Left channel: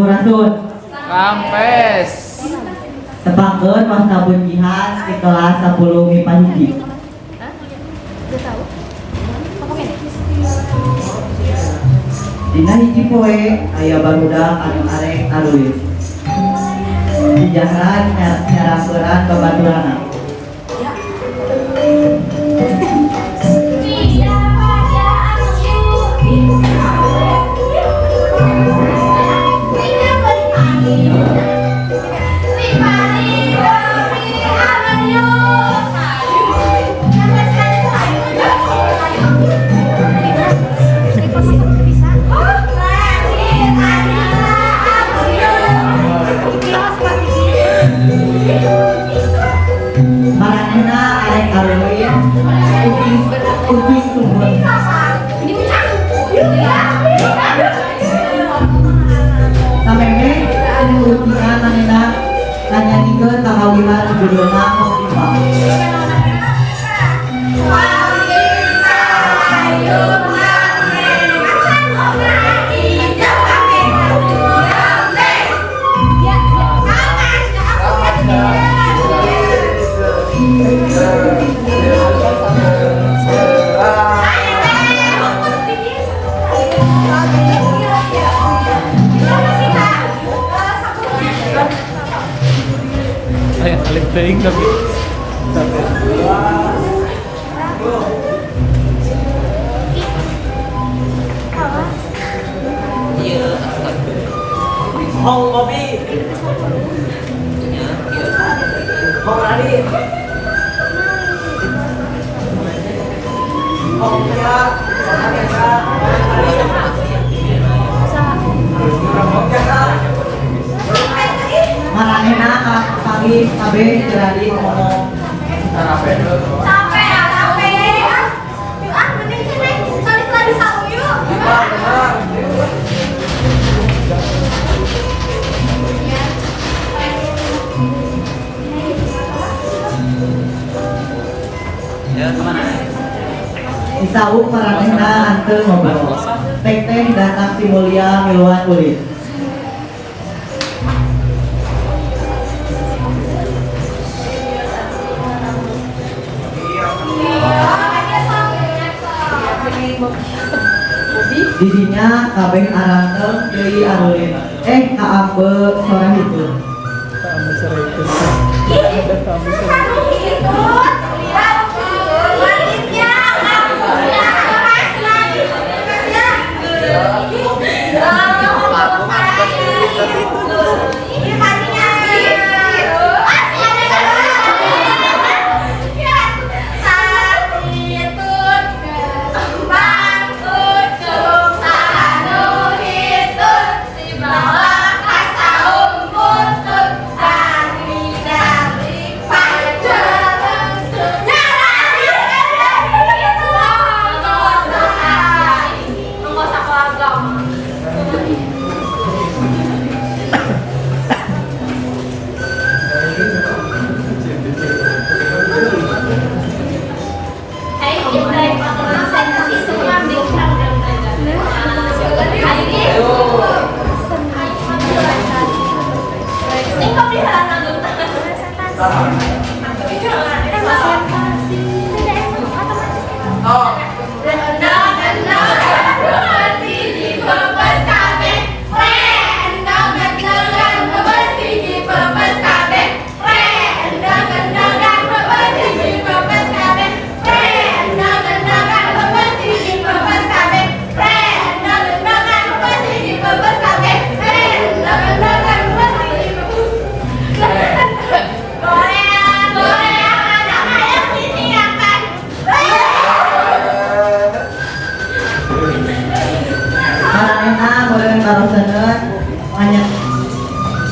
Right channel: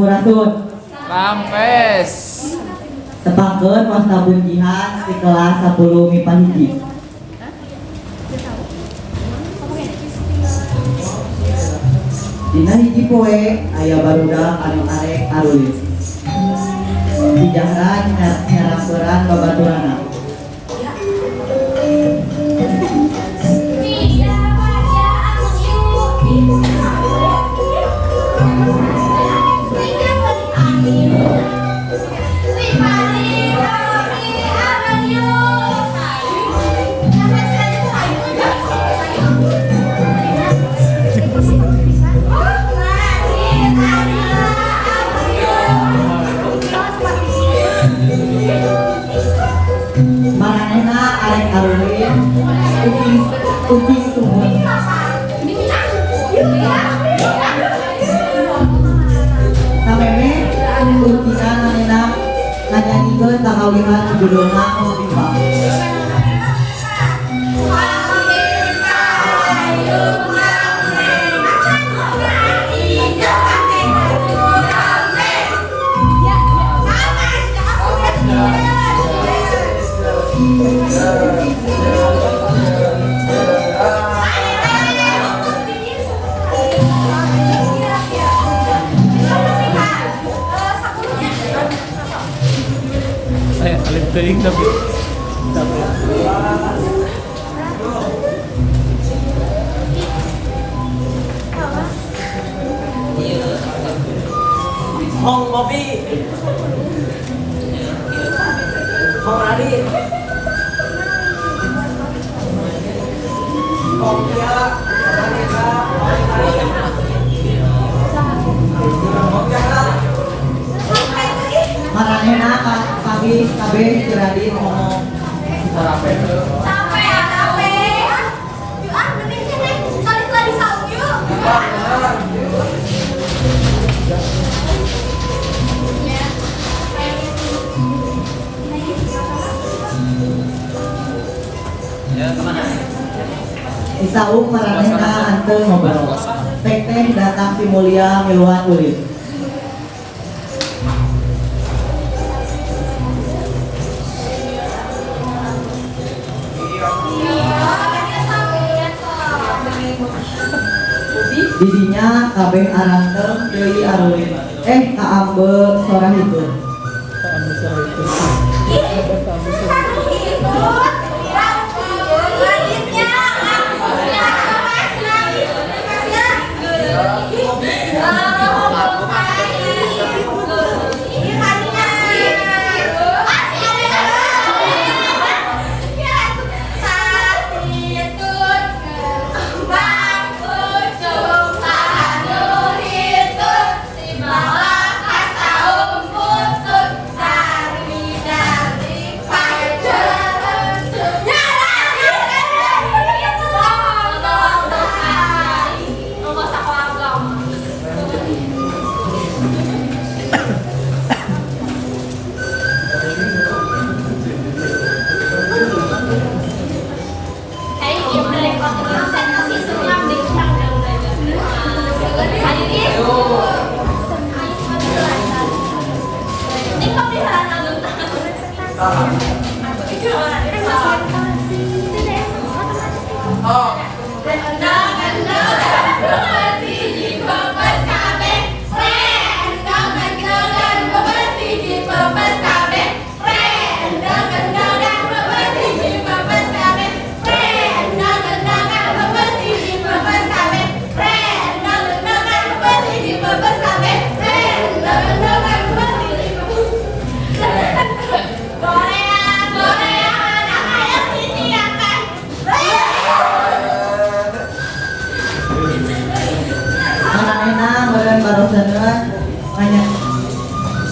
Sampurasun. Rampes. Tepangkeun masa bunyihan di kelas 10 MIPA hiji. Dina hiji poe aya barudak anu arek arulis. Dijaran nyarangkeun babaturanna. Manehna arek arulis ucing sumur. Sameme ucingan manehna nyanyanikeun kakawihan judulna Mutimpa. Ay, alin teuing tapi. Hong Bobby. Hong Radi. Hong Tia. Manehna kaki kabeh jadi ngomong sarapen. Ya, kemana? Isauk maranehna anteu ngobrol. Teteh datang si mulia miluan ulit. Didinya kabeh arang teu deui arulin. Kaambe sora hitun. Kamu sore itu.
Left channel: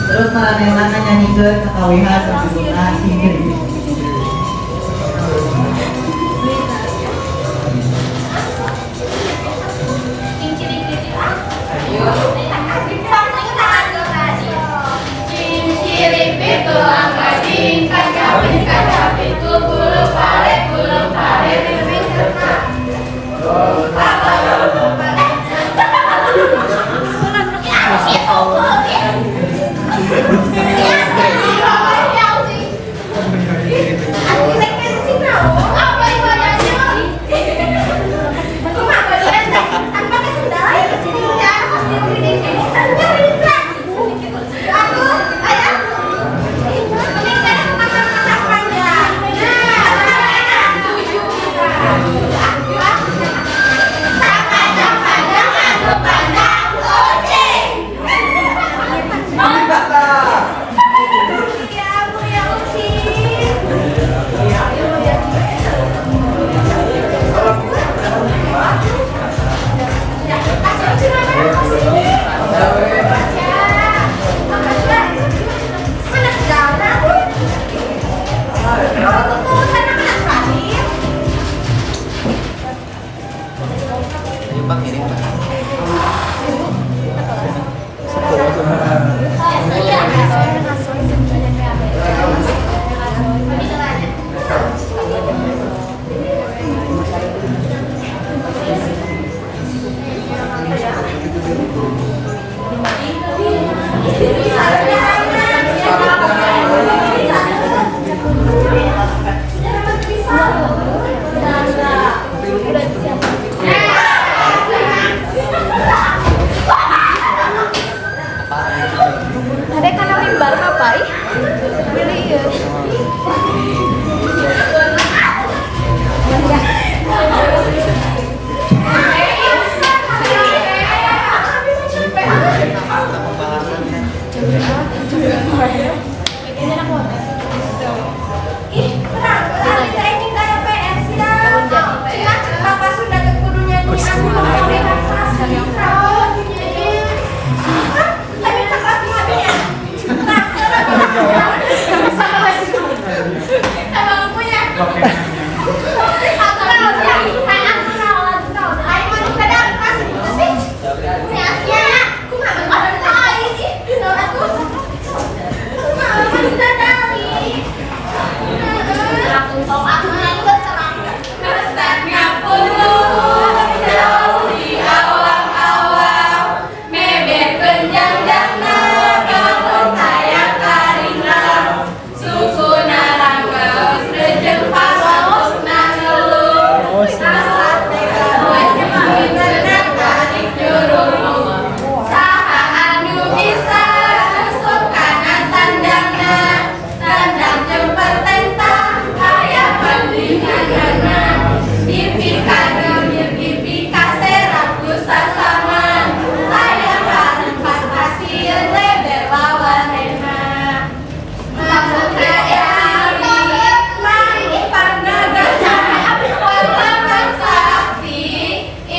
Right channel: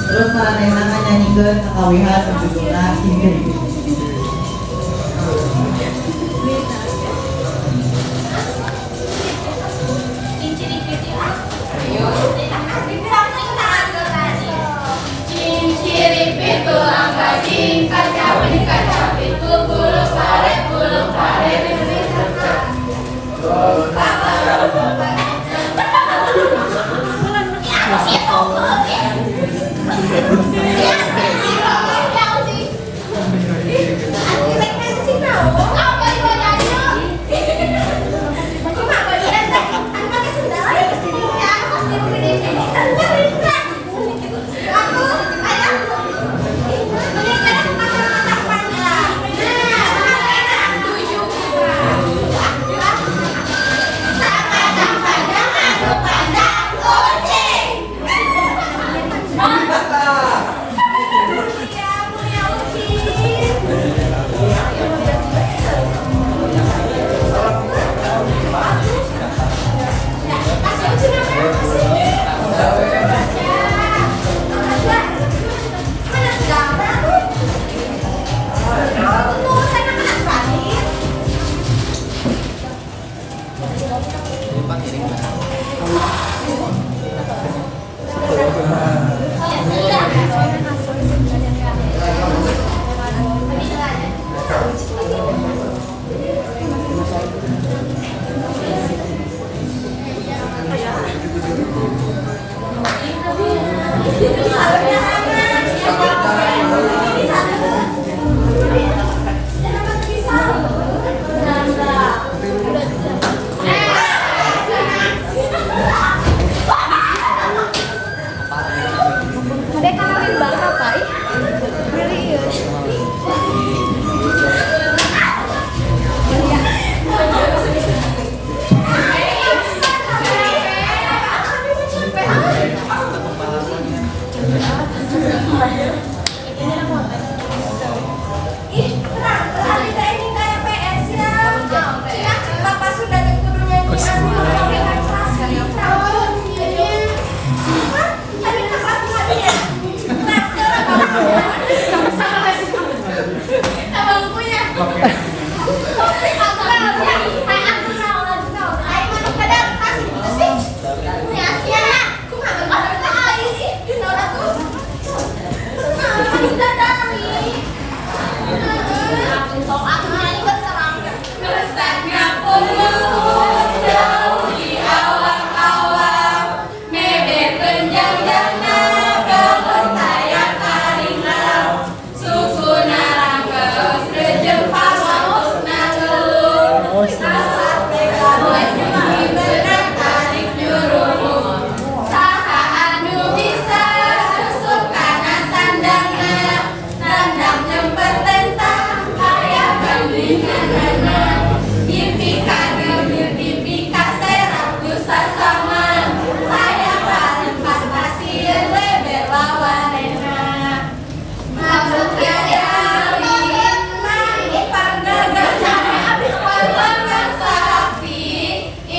Terus maranehna nyanyiikeun kakawihan judulna Cincin.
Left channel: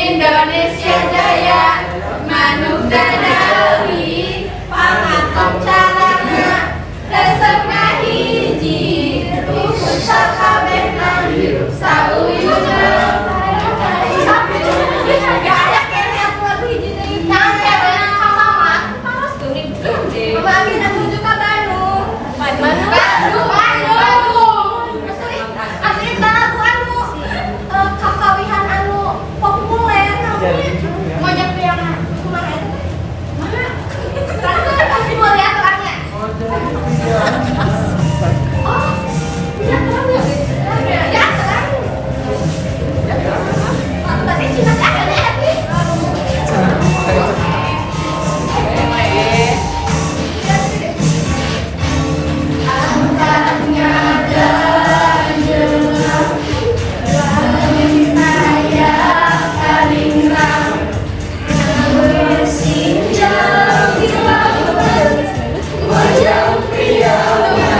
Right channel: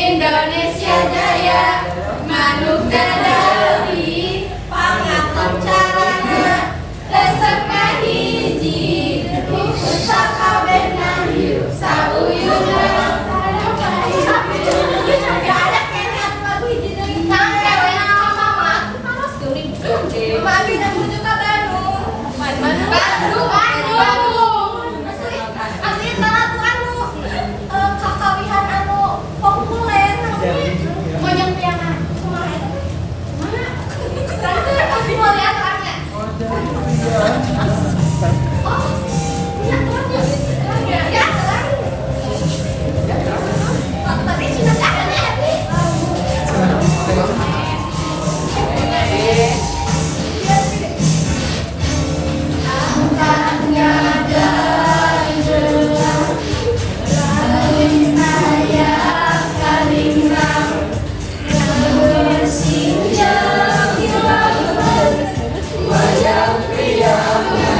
Indonesia Jaya manuk dadari pangatom carana resepna hiji ikut sakabehna hirup sauyuna gak ada kayaknya lagu hiji deui tang kewena ka mama terus geuning mama Amina menuju ka Bandung asli lagu anu kakawihan anu populer banyak yang kumaha itu mana aku mau lihat orangnya oh lihat orangnya ya terang tadi cina ada lihat nih angkatnya dan jelas saya kalingrang bersinjang hilang wajah prianya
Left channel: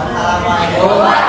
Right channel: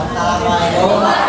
Assalamualaikum.